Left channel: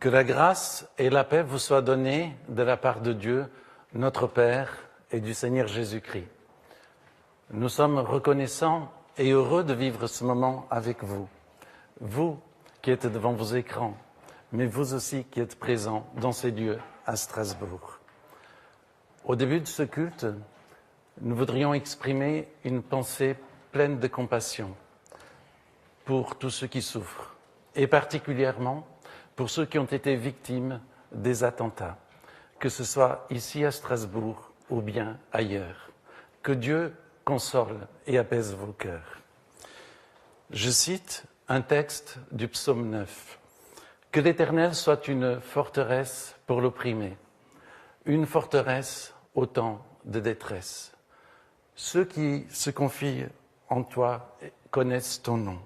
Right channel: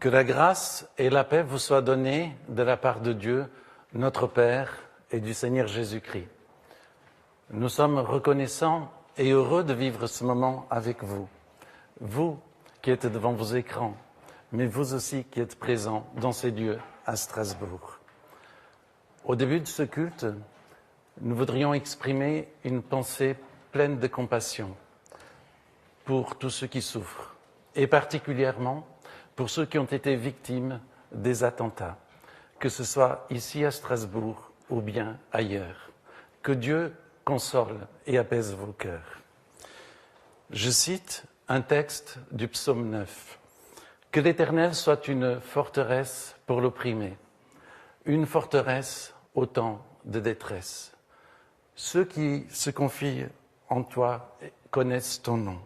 Que la grâce et la paix vous soient données de la part de Dieu, notre Père, et du Seigneur Jésus-Christ. Nous sommes reconnaissants et heureux de vivre ce moment avec vous. Vous qui êtes devant vos écrans, mais vous aussi qui êtes présents dans ces lieux à Strasbourg. Au début de ce culte, nous voudrions exprimer une pensée pleine de compassion pour tous ceux qui souffrent, et particulièrement pour ceux qui ont été victimes des attentats, que ce soit ici à Strasbourg ou bien ailleurs. Que Dieu console et apaise vos cœurs. Je cite un texte du psaume 9. « Que l'Éternel soit une forteresse pour l'opprimé, une forteresse au temps de détresse. Ceux qui se confient en toi connaissent ton nom,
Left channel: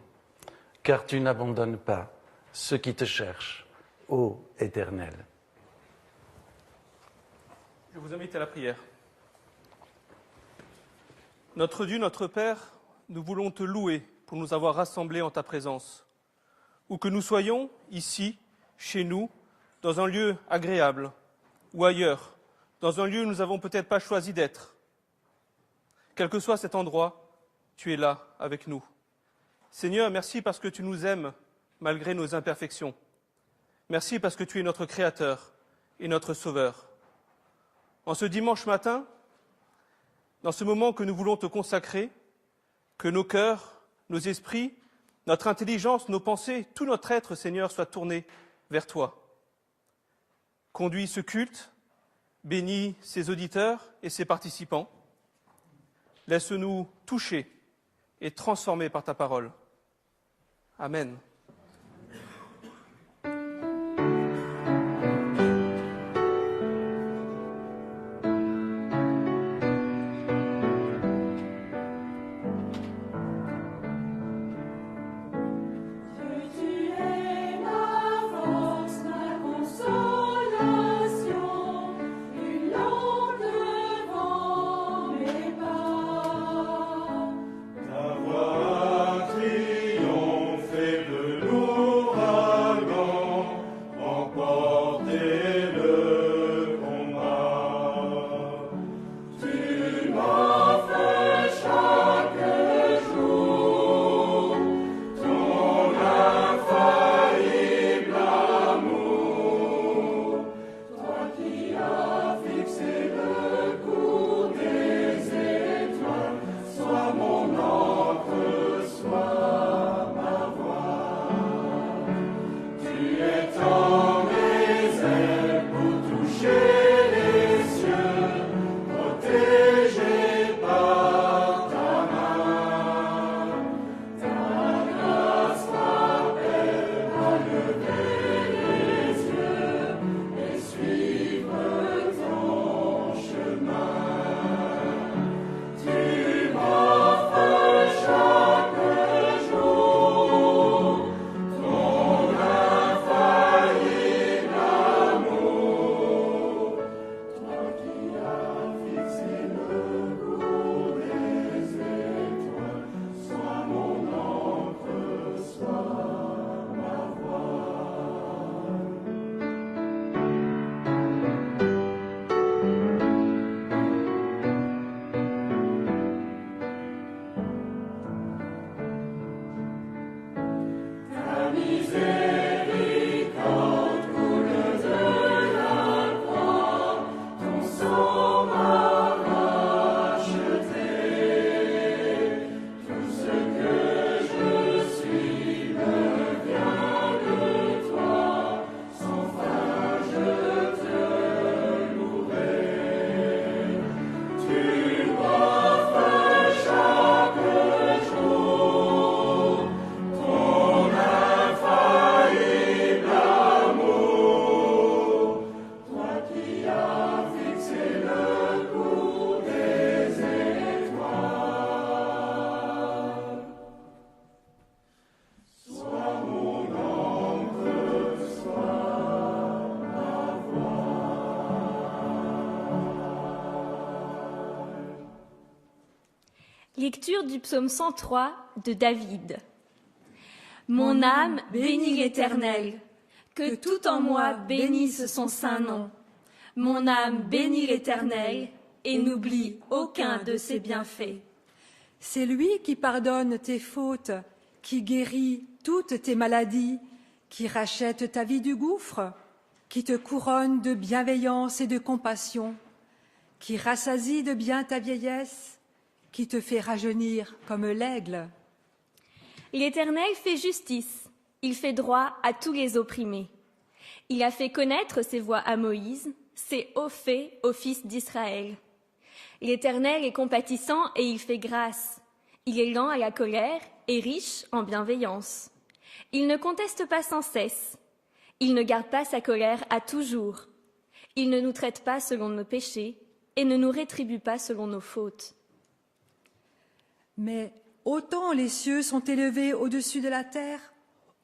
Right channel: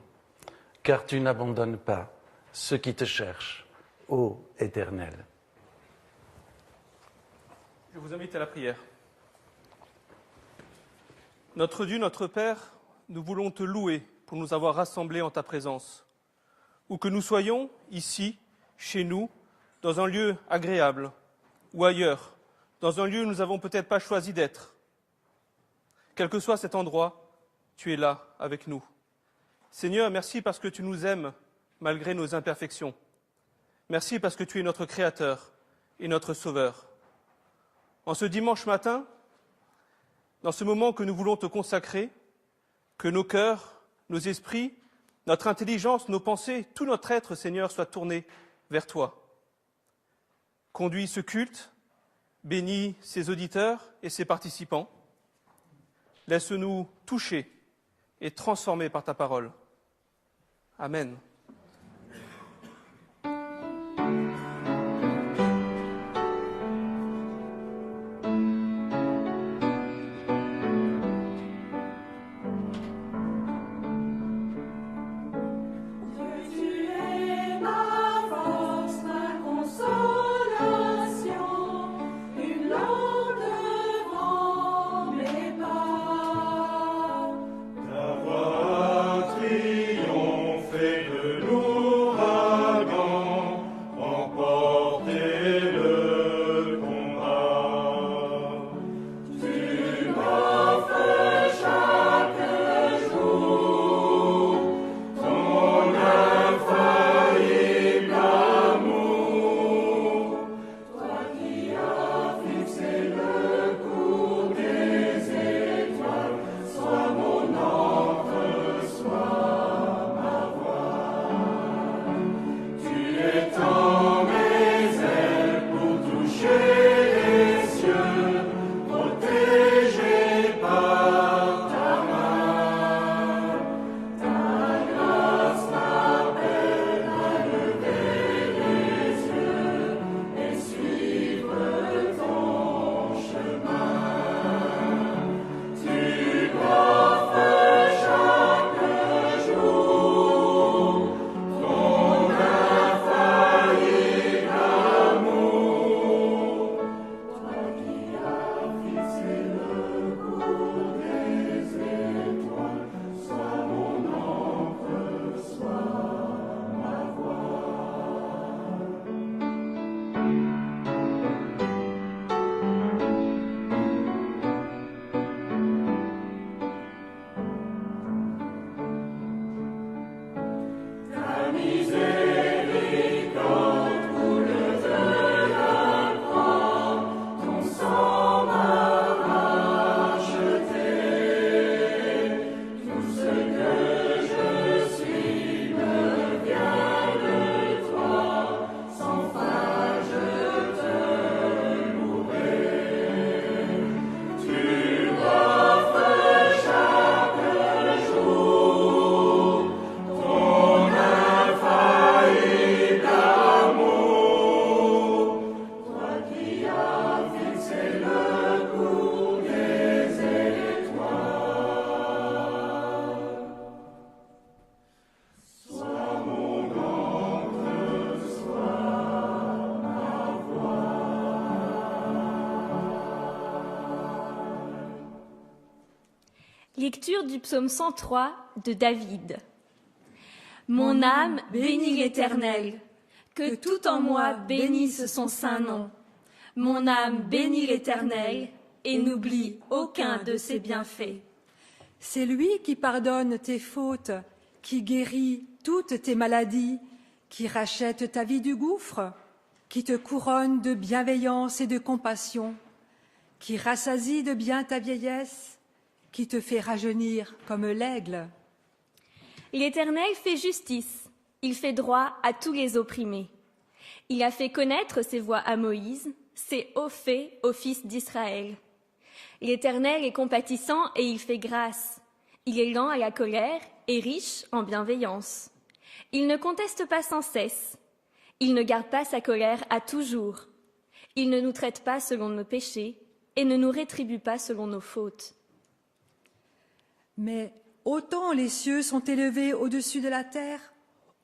car tu n'abandonnes pas ceux qui te cherchent, ô Éternel. » Je vous invite à la prière. Notre Dieu, notre Père, nous voulons te louer pour nous avoir rassemblés en ta présence. Où que nous soyons, ici, chez nous, dans un lieu agréable ou ailleurs, dans un lieu où nous n'avons peut-être pas choisi d'être. Quel que soit cet endroit, tu es là avec nous. Seigneur, merci parce que tu nous aimes malgré nos imperfections. Merci parce que tu es notre Créateur et notre Sauveur. En ce dimanche matin, dans ce moment que nous voulons te consacrer, que nos cœurs, nos esprits, notre intelligence, nos pensées, tout notre être, Seigneur, soit tourné vers toi. Conduis ce culte, bénis ses auditeurs et ses participants. Laisse-nous toucher et transformer par ta parole. Amen. Lecture du psaume 103 de David. Mon âme bénit l'Éternel. Que tout en moi bénisse son saint nom. Mon âme bénit l'Éternel et n'oublie aucun de ses bienfaits. C'est lui qui pardonne tes fautes, qui guérit toutes tes maladies, qui rachète ta vie du gouffre, qui te couronne de bienveillance et de compassion, qui rassasie de bien ta vieillesse, qui te fait rajeunir comme l'aigle. L'Éternel fait justice, il fait droit à tous les opprimés. Il a fait connaître ses voies à Moïse, ses hauts faits aux fils d'Israël. L'Éternel est compatissant et il fait grâce. Il est lent à la colère et riche en bienveillance. Il ne conteste pas sans cesse. Il ne garde pas sa colère à toujours. Il ne nous traite pas selon nos péchés et ne nous rétribue pas selon nos fautes. Mais autant les cieux sont élevés au-dessus de la terre,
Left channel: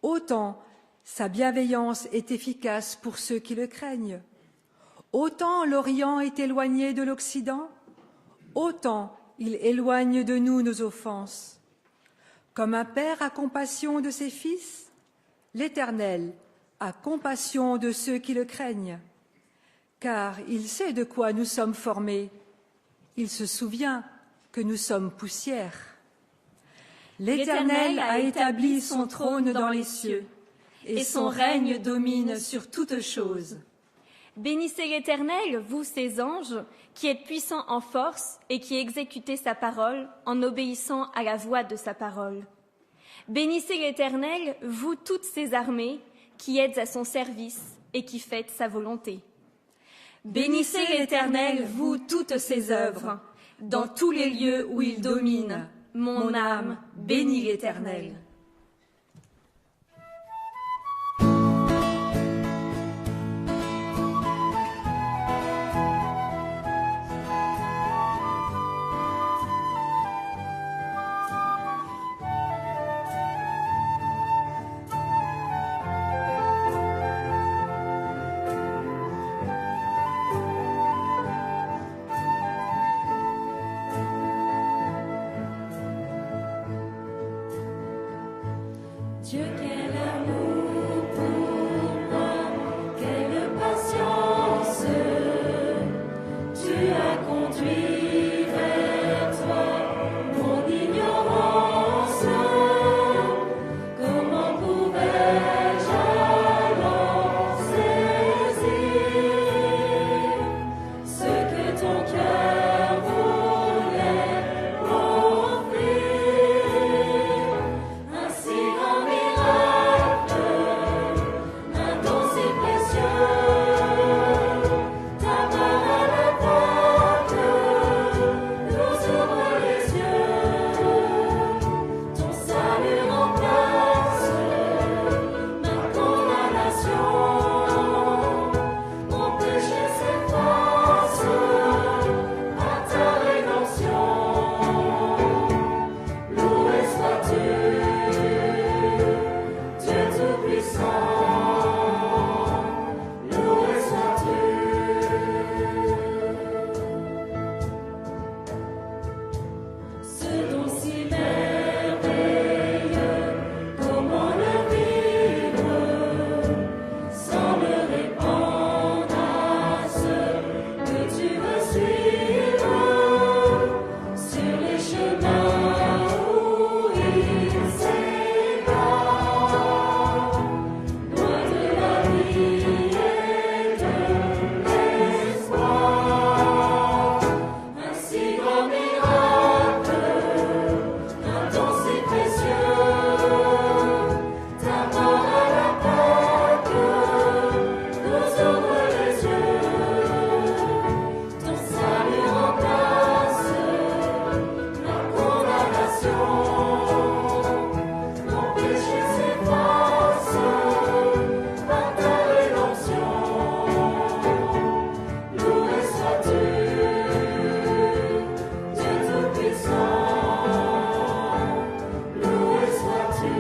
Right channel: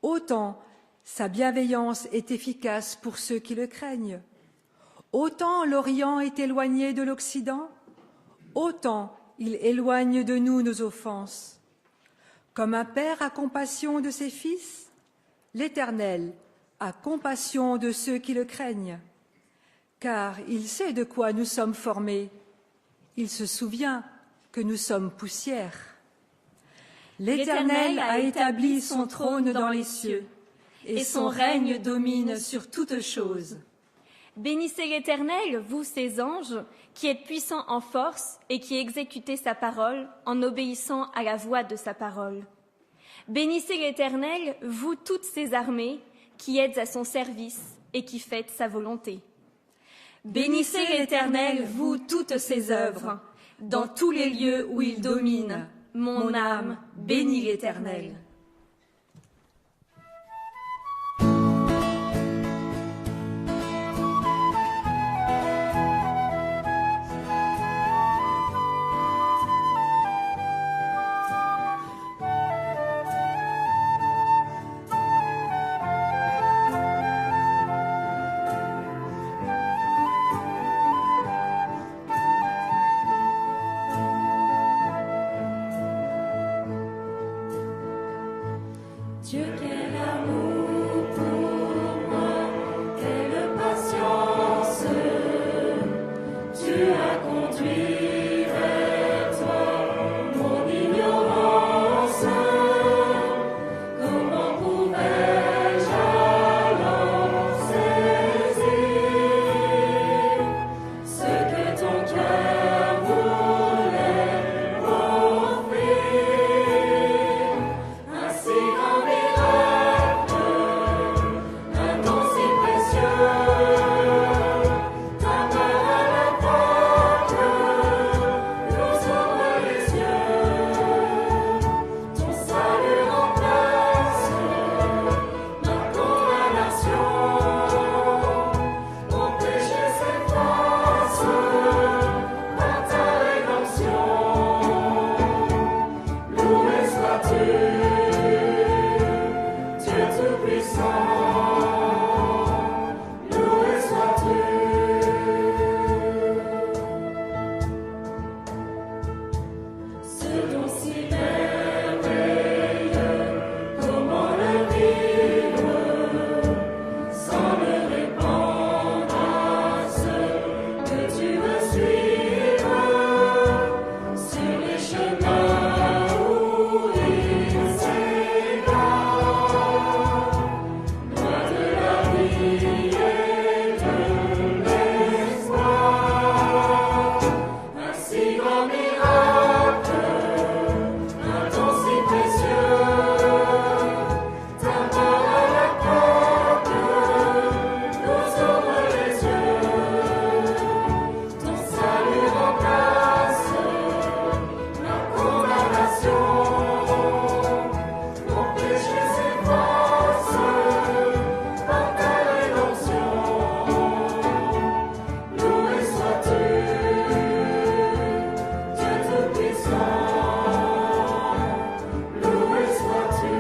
autant sa bienveillance est efficace pour ceux qui le craignent. Autant l'Orient est éloigné de l'Occident, autant il éloigne de nous nos offenses. Comme un père a compassion de ses fils, l'Éternel a compassion de ceux qui le craignent, car il sait de quoi nous sommes formés. Il se souvient que nous sommes poussière. L'Éternel a établi son trône dans les cieux, et son règne domine sur toutes choses. Bénissez l'Éternel, vous ses anges, qui êtes puissants en force et qui exécutez sa parole en obéissant à la voix de sa parole. Bénissez l'Éternel, vous toutes ses armées, qui êtes à son service et qui faites sa volonté. Bénissez l'Éternel, vous toutes ses œuvres, dans tous les lieux où il domine. Mon âme bénit l'Éternel. Dieu quel amour pour moi, quelle patience, tu as conduit vers toi mon ignorance. Comment pouvais-je alors saisir ce que ton cœur voulait m'offrir? Ainsi grand miracle, un don si précieux, ta main à la porte nous ouvre les yeux, ton salut remplace ma condamnation, mon péché s'efface par ta rédemption. Loué sois-tu, Dieu Tout-Puissant, loué sois-tu. Ce don si merveilleux, comment le vivre sans le répandre à ceux que tu veux suivre sur les chemins où il s'égare, loin de la vie et de l'espoir. Un si grand miracle, un don si précieux, ta main à la porte nous ouvre les yeux, ton salut remplace la condamnation, mon péché s'efface par ta rédemption. Loué sois-tu, Dieu Tout-Puissant, loué sois-tu.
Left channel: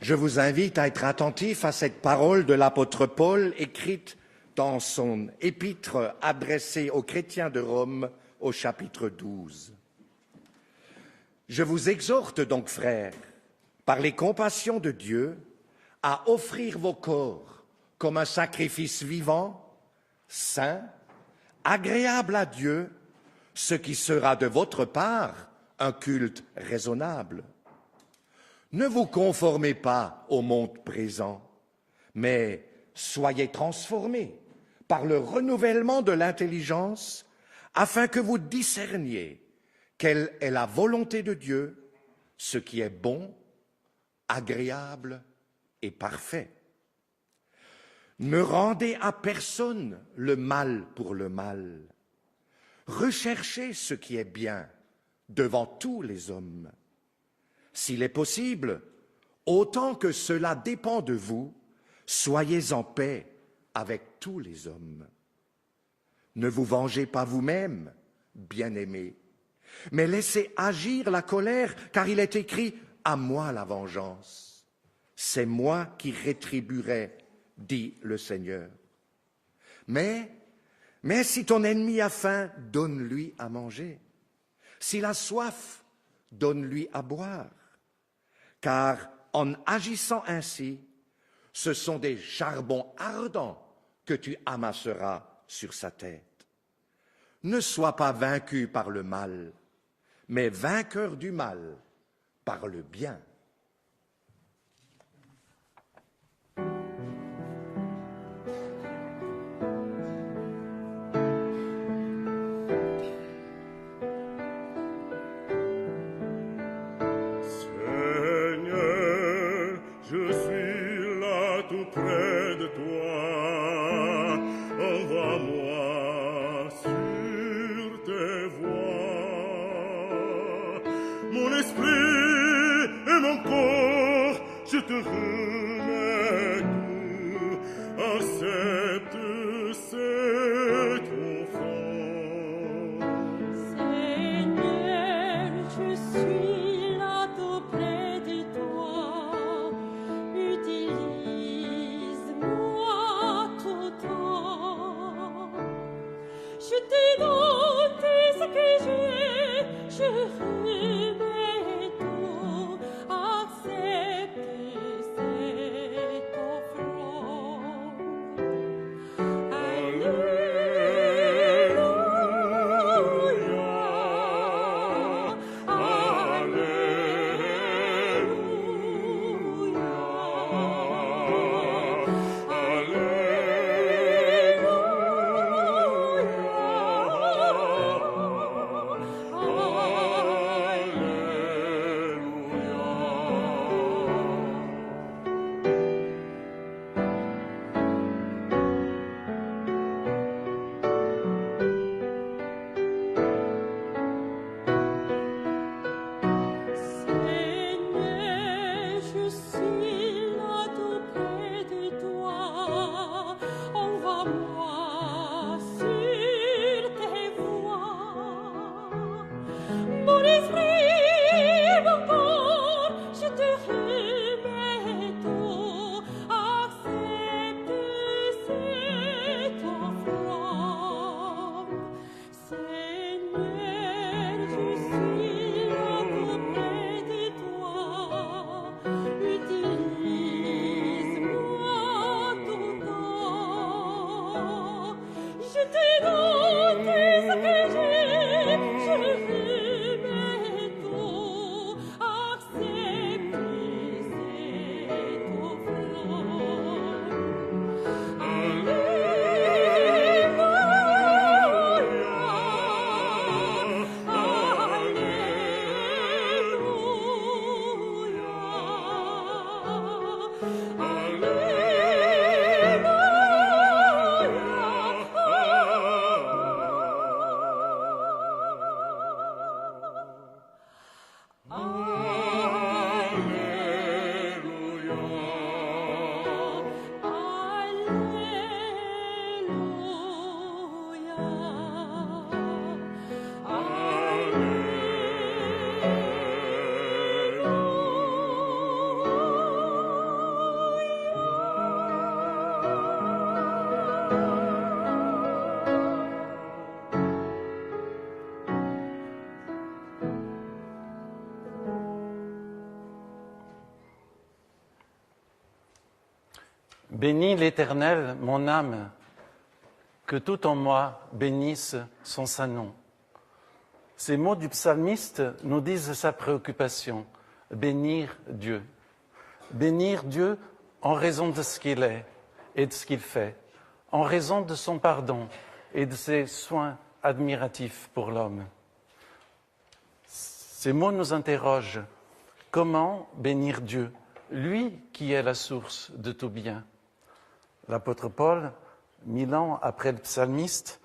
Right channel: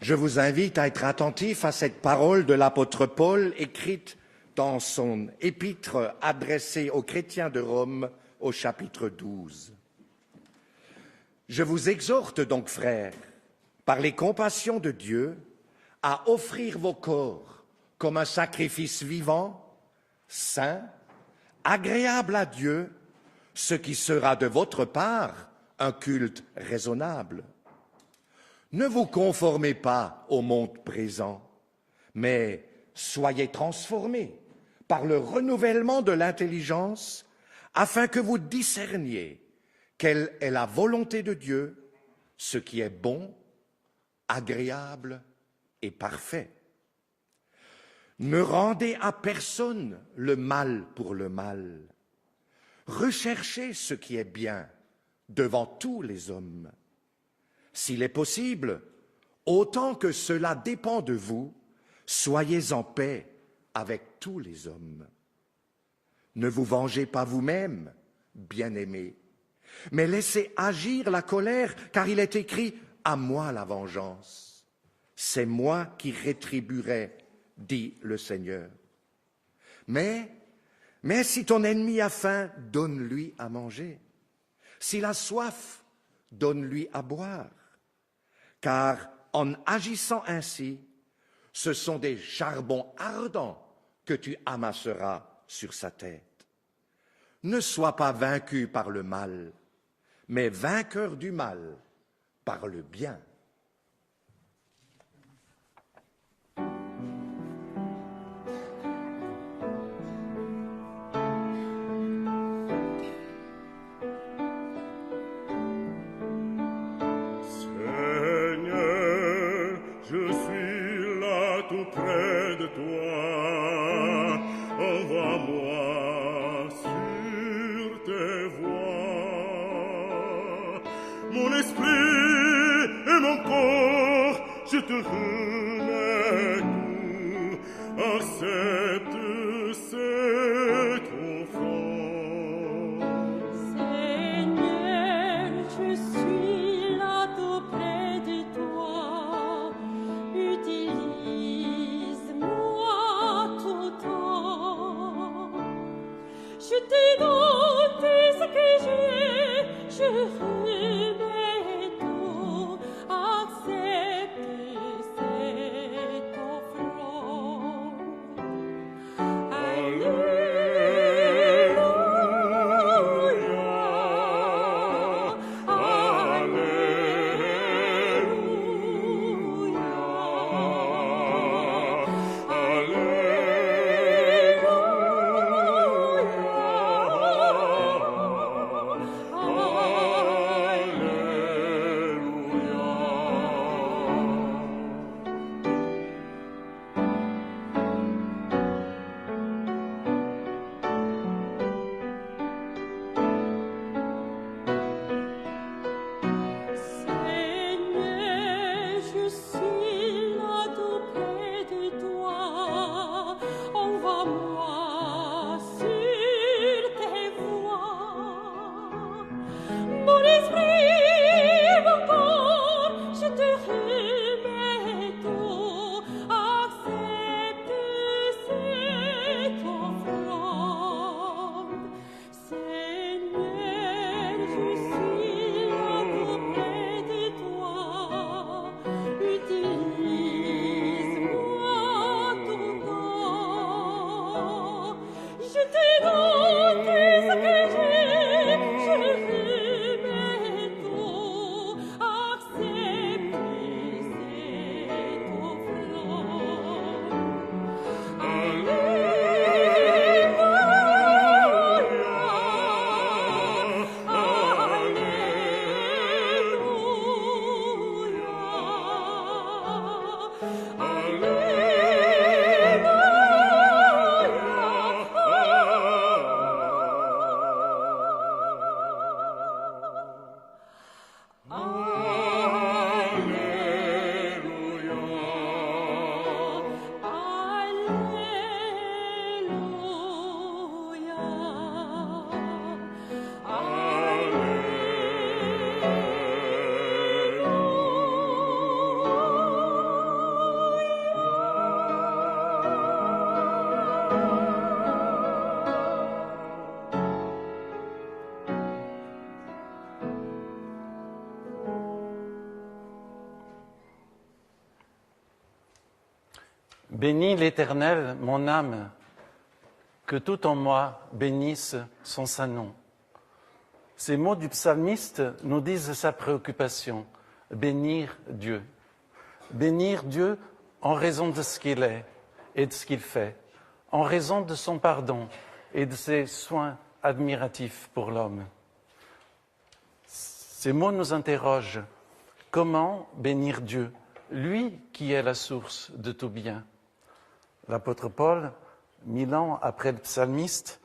Je vous invite à être attentif à cette parole de l'apôtre Paul écrite dans son épître adressée aux chrétiens de Rome au chapitre 12. Je vous exhorte donc, frères, par les compassions de Dieu, à offrir vos corps comme un sacrifice vivant, saint, agréable à Dieu, ce qui sera de votre part un culte raisonnable. Ne vous conformez pas au monde présent, mais soyez transformés par le renouvellement de l'intelligence, afin que vous discerniez quelle est la volonté de Dieu, ce qui est bon, agréable et parfait. Ne rendez à personne le mal pour le mal. Recherchez ce qui est bien devant tous les hommes. S'il est possible, autant que cela dépend de vous, soyez en paix avec tous les hommes. Ne vous vengez pas vous-même, bien-aimés, mais laissez agir la colère, car il est écrit « À moi la vengeance. C'est moi qui rétribuerai, dit le Seigneur. » Mais si ton ennemi a faim, donne-lui à manger. S'il a soif, donne-lui à boire. Car en agissant ainsi, ce sont des charbons ardents que tu amasseras sur sa tête. Ne sois pas vaincu par le mal, mais vainqueur du mal par le bien. Seigneur, je suis là tout près de toi. Envoie-moi sur tes voies. Mon esprit et mon corps, je te remets tout. Accepte cette offrande. Seigneur, je suis là tout près de toi. Utilise-moi tout temps. Je te donne ce que j'ai, je remets tout. Accepte cette offrande. À Bénis l'Éternel, mon âme, que tout en moi bénisse son saint nom. Ces mots du psalmiste nous disent sa préoccupation, bénir Dieu. Bénir Dieu en raison de ce qu'il est et de ce qu'il fait, en raison de son pardon et de ses soins admiratifs pour l'homme. Ces mots nous interrogent. Comment bénir Dieu, lui qui est la source de tout bien? L'apôtre Paul, 1000 ans après le psalmiste,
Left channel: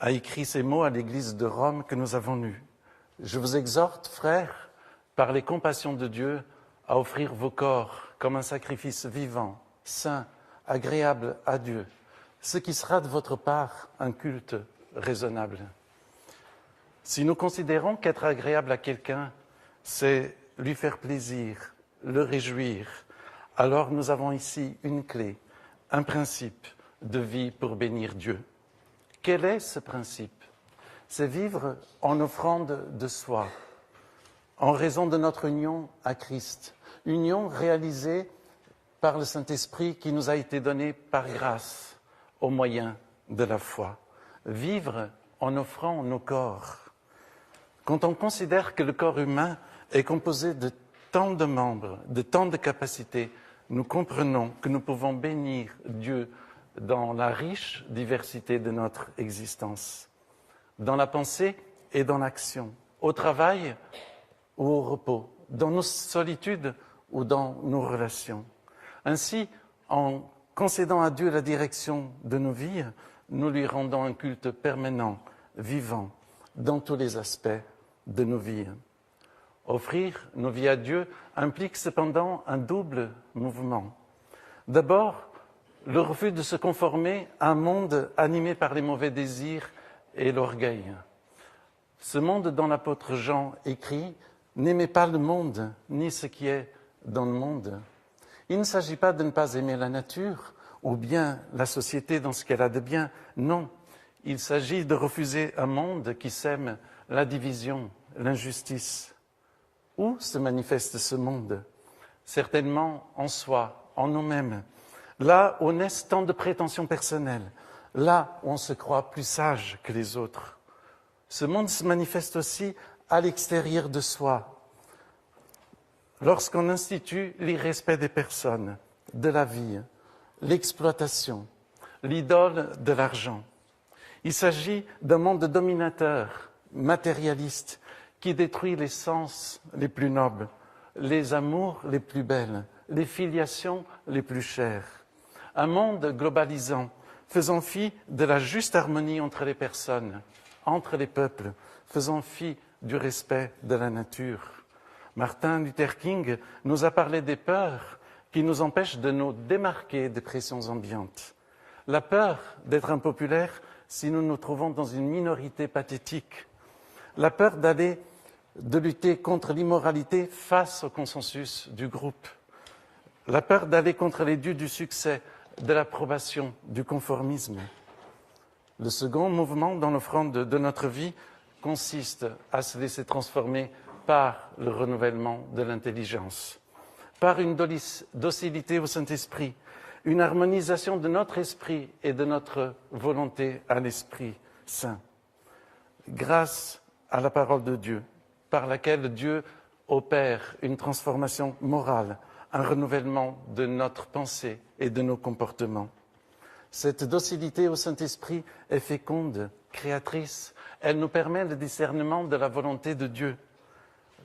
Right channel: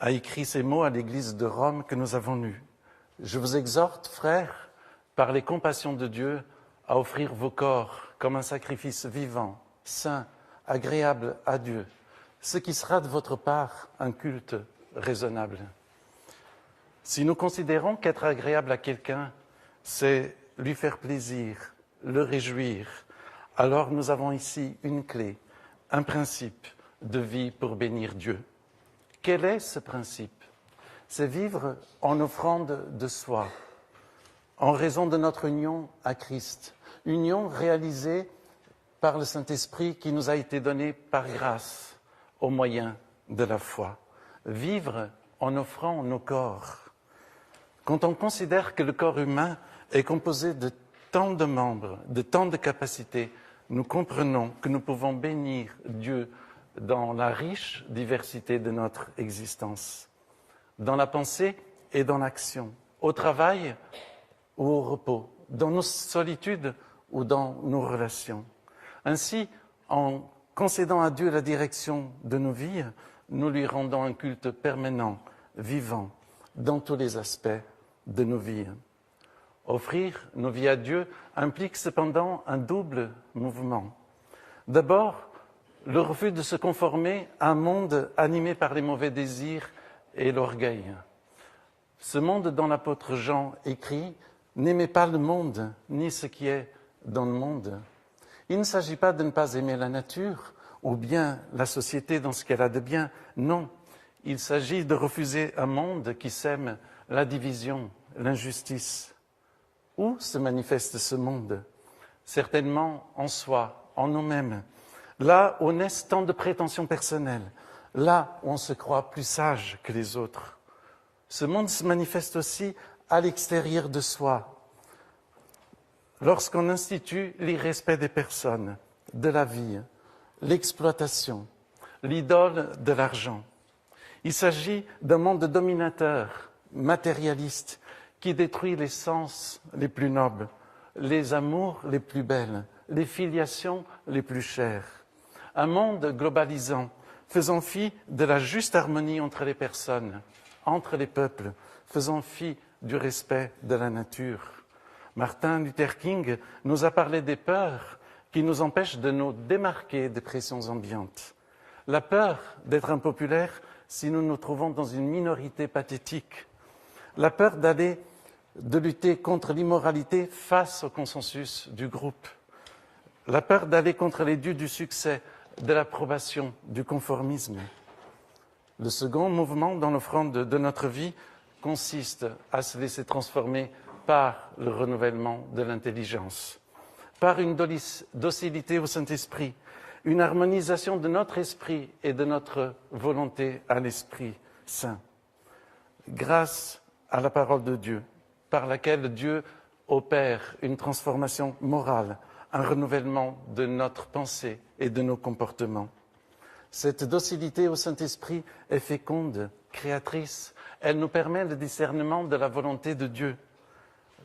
a écrit ces mots à l'église de Rome que nous avons lus. Je vous exhorte, frères, par les compassions de Dieu, à offrir vos corps comme un sacrifice vivant, saint, agréable à Dieu, ce qui sera de votre part un culte raisonnable. Si nous considérons qu'être agréable à quelqu'un, c'est lui faire plaisir, le réjouir, alors nous avons ici une clé, un principe de vie pour bénir Dieu. Quel est ce principe? C'est vivre en offrande de soi, en raison de notre union à Christ, union réalisée par le Saint-Esprit qui nous a été donné par grâce au moyen de la foi. Vivre en offrant nos corps. Quand on considère que le corps humain est composé de tant de membres, de tant de capacités, nous comprenons que nous pouvons bénir Dieu dans la riche diversité de notre existence, dans la pensée et dans l'action, au travail ou au repos, dans nos solitudes ou dans nos relations. Ainsi, en concédant à Dieu la direction de nos vies, nous lui rendons un culte permanent, vivant, dans tous les aspects de nos vies. Offrir nos vies à Dieu implique cependant un double mouvement. D'abord, le refus de se conformer à un monde animé par les mauvais désirs et l'orgueil. Ce monde dont l'apôtre Jean écrit « N'aimez pas le monde, ni ce qui est dans le monde ». Il ne s'agit pas de ne pas aimer la nature ou bien la société dans ce qu'elle a de bien. Non, il s'agit de refuser un monde qui sème la division, l'injustice. Où se manifeste ce monde? Certainement en soi, en nous-mêmes. Là où naissent tant de prétentions personnelles, là où on se croit plus sage que les autres. Ce monde se manifeste aussi à l'extérieur de soi, lorsqu'on institue l'irrespect des personnes, de la vie, l'exploitation, l'idole de l'argent. Il s'agit d'un monde dominateur, matérialiste, qui détruit les sens les plus nobles, les amours les plus belles, les filiations les plus chères. Un monde globalisant, faisant fi de la juste harmonie entre les personnes, entre les peuples, faisant fi du respect de la nature. Martin Luther King nous a parlé des peurs qui nous empêchent de nous démarquer des pressions ambiantes. La peur d'être impopulaire si nous nous trouvons dans une minorité pathétique. La peur de lutter contre l'immoralité face au consensus du groupe. La peur d'aller contre les dieux du succès, de l'approbation, du conformisme. Le second mouvement dans l'offrande de notre vie consiste à se laisser transformer par le renouvellement de l'intelligence, par une docilité au Saint-Esprit, une harmonisation de notre esprit et de notre volonté à l'Esprit Saint. Grâce à la parole de Dieu, par laquelle Dieu opère une transformation morale, un renouvellement de notre pensée et de nos comportements. Cette docilité au Saint-Esprit est féconde, créatrice. Elle nous permet le discernement de la volonté de Dieu.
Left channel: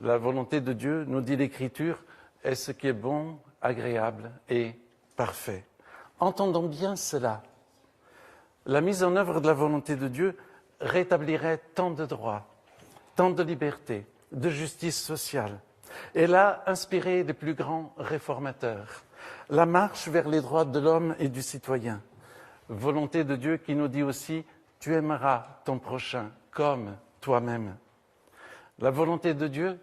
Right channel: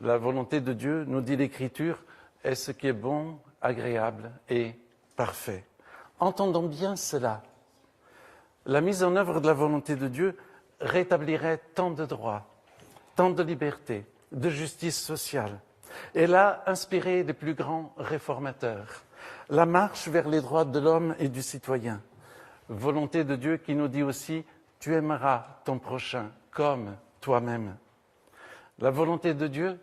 La volonté de Dieu, nous dit l'Écriture, est ce qui est bon, agréable et parfait. Entendons bien cela. La mise en œuvre de la volonté de Dieu rétablirait tant de droits, tant de liberté, de justice sociale. Elle a inspiré les plus grands réformateurs. La marche vers les droits de l'homme et du citoyen. Volonté de Dieu qui nous dit aussi « Tu aimeras ton prochain comme toi-même ». La volonté de Dieu,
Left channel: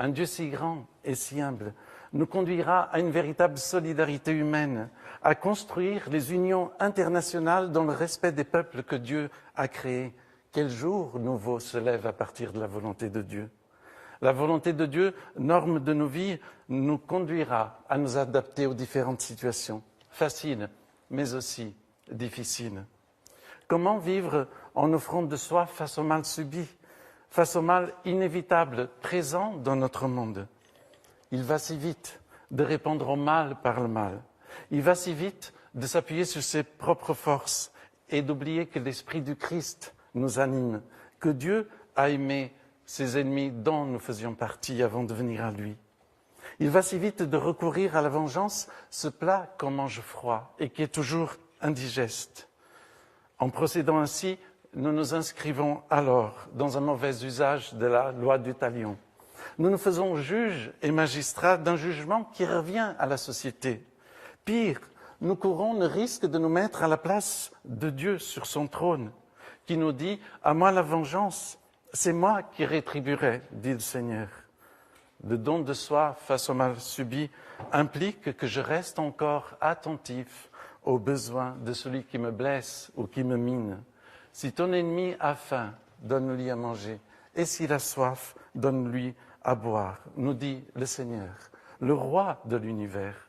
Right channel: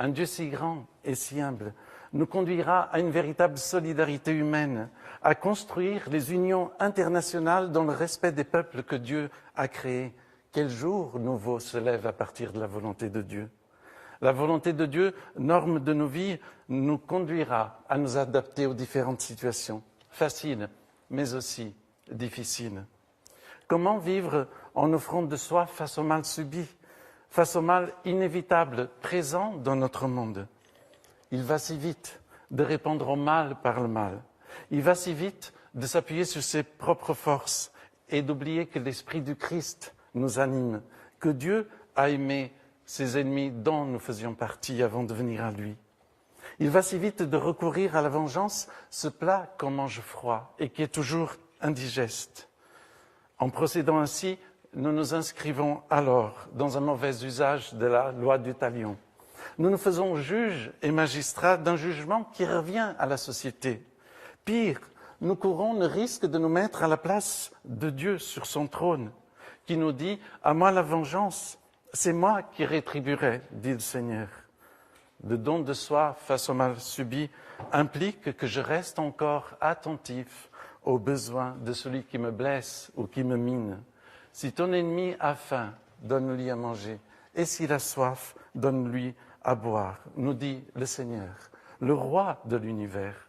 un Dieu si grand et si humble, nous conduira à une véritable solidarité humaine, à construire les unions internationales dans le respect des peuples que Dieu a créés. Quel jour nouveau se lève à partir de la volonté de Dieu? La volonté de Dieu, norme de nos vies, nous conduira à nous adapter aux différentes situations, faciles, mais aussi difficiles. Comment vivre en offrant de soi face au mal subi, face au mal inévitable présent dans notre monde? Il va si vite de répondre au mal par le mal. Il va si vite de s'appuyer sur ses propres forces et d'oublier que l'Esprit du Christ nous anime, que Dieu a aimé ses ennemis dont nous faisions partie avant de venir à lui. Il va si vite de recourir à la vengeance, ce plat qu'on mange froid et qui est toujours indigeste. En procédant ainsi, nous nous inscrivons alors dans un mauvais usage de la loi du talion. Nous nous faisons juges et magistrats d'un jugement qui revient à la société. Pire, nous courons le risque de nous mettre à la place de Dieu sur son trône, qui nous dit « À moi la vengeance, c'est moi qui rétribuerai, dit le Seigneur ». Le don de soi face au mal subi implique que je reste encore attentif aux besoins de celui qui me blesse ou qui me mine. Si ton ennemi a faim, donne-lui à manger, et s'il a soif, donne-lui à boire, nous dit le Seigneur, le roi de l'univers.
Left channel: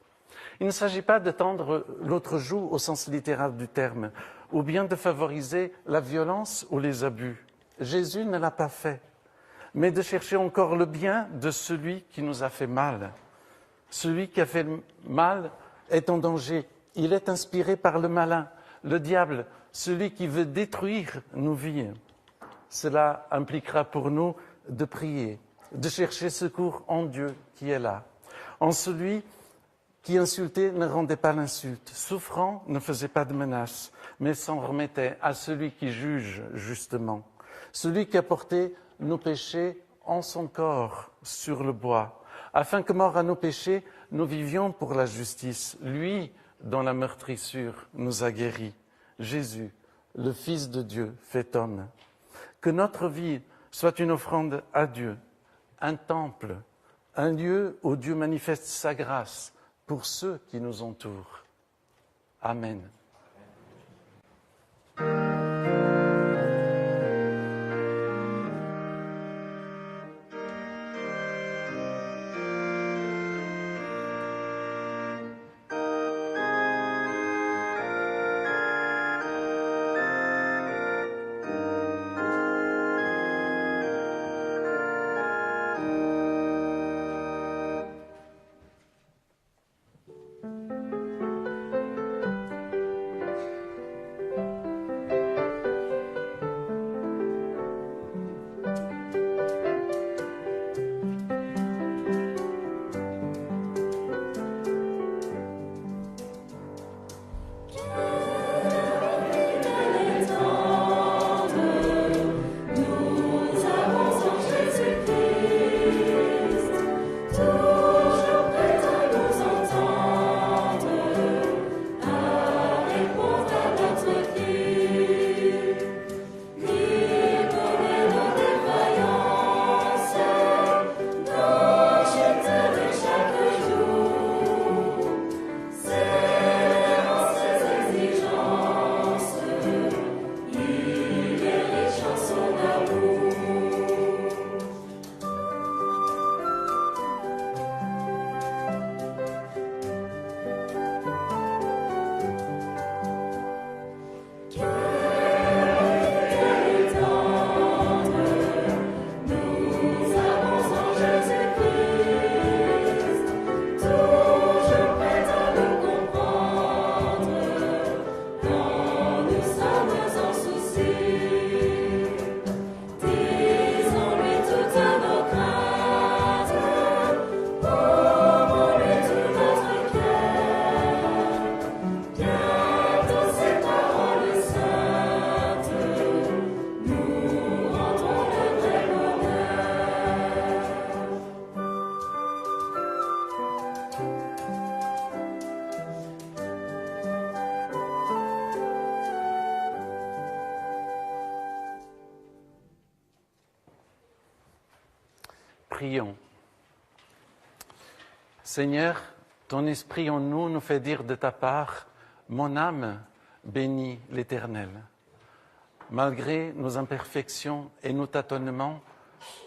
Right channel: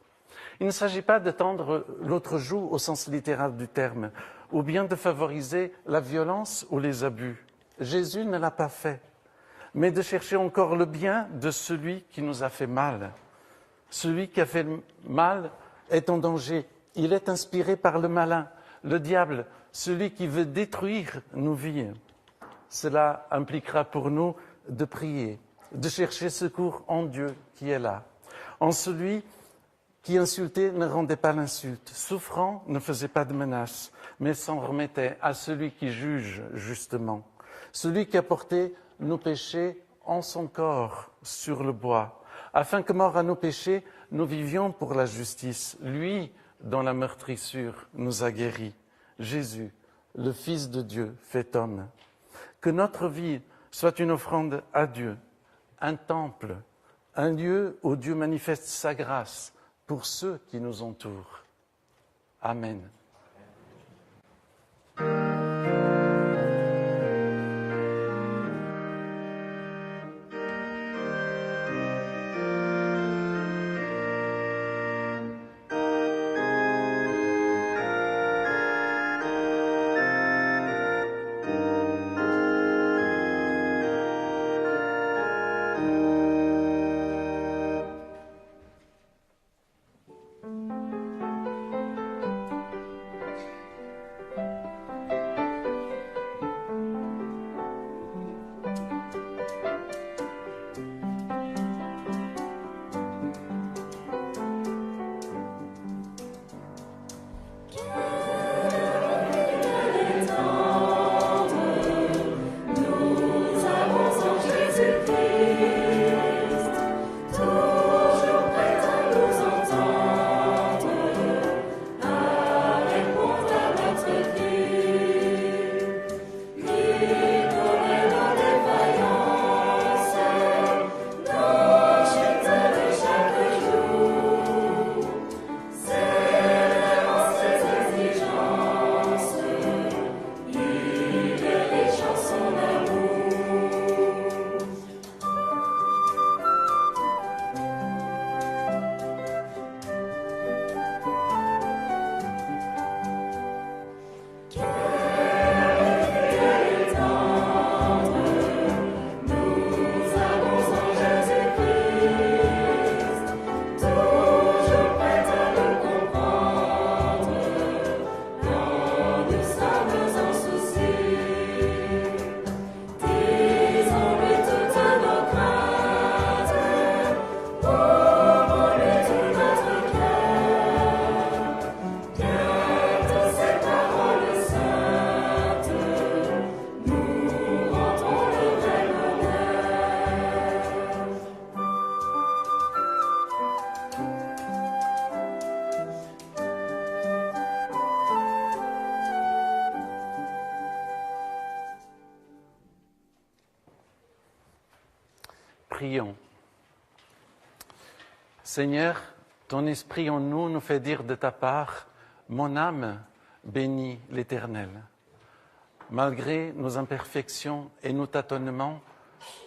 Il ne s'agit pas de tendre l'autre joue au sens littéral du terme, ou bien de favoriser la violence ou les abus. Jésus ne l'a pas fait, mais de chercher encore le bien de celui qui nous a fait mal. Celui qui a fait le mal est en danger. Il est inspiré par le malin, le diable, celui qui veut détruire nos vies. Cela impliquera pour nous de prier, de chercher secours en Dieu qui est là, en celui qui insultait ne rendait pas l'insulte, souffrant ne faisait pas de menace, mais s'en remettait à celui qui juge justement, celui qui a porté nos péchés en son corps sur le bois, afin que, mort à nos péchés, nous vivions pour la justice, lui dont la meurtrissure nous a guéris, Jésus, le Fils de Dieu fait homme. Que notre vie soit une offrande à Dieu, un temple, un lieu où Dieu manifeste sa grâce pour ceux qui nous entourent. Amen. Prions. Seigneur, ton esprit en nous nous fait dire de ta part, mon âme bénit l'Éternel. Malgré nos imperfections et nos tâtonnements,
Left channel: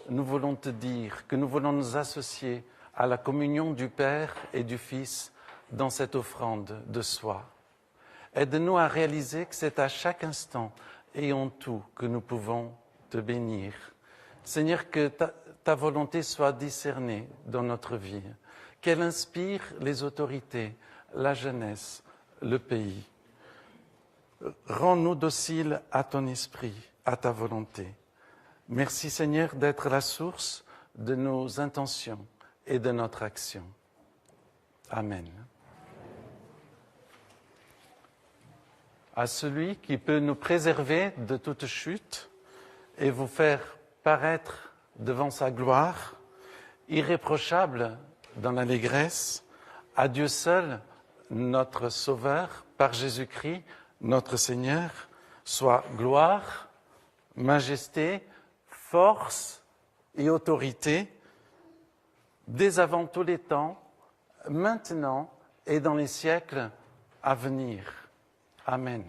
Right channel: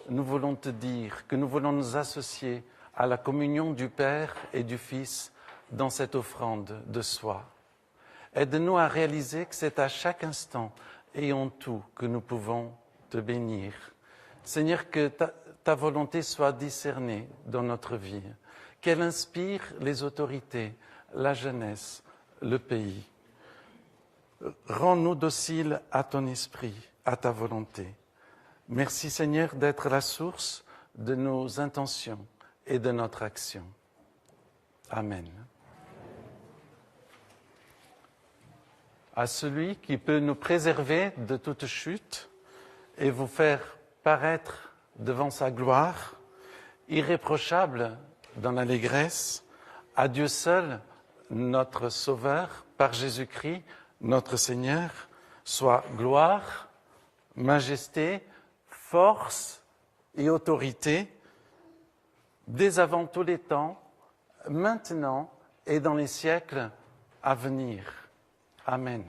nous voulons te dire que nous voulons nous associer à la communion du Père et du Fils dans cette offrande de soi. Aide-nous à réaliser que c'est à chaque instant et en tout que nous pouvons te bénir. Seigneur, que ta volonté soit discernée dans notre vie, qu'elle inspire les autorités, la jeunesse, le pays. Rends-nous dociles à ton esprit, à ta volonté. Merci Seigneur d'être la source de nos intentions et de notre action. Amen. À celui qui peut nous préserver de toute chute et vous faire paraître devant sa gloire, irréprochable dans l'allégresse, à Dieu seul, notre Sauveur, par Jésus-Christ, notre Seigneur, soit gloire, majesté, force et autorité, dès avant tous les temps, maintenant et dans les siècles à venir. Amen.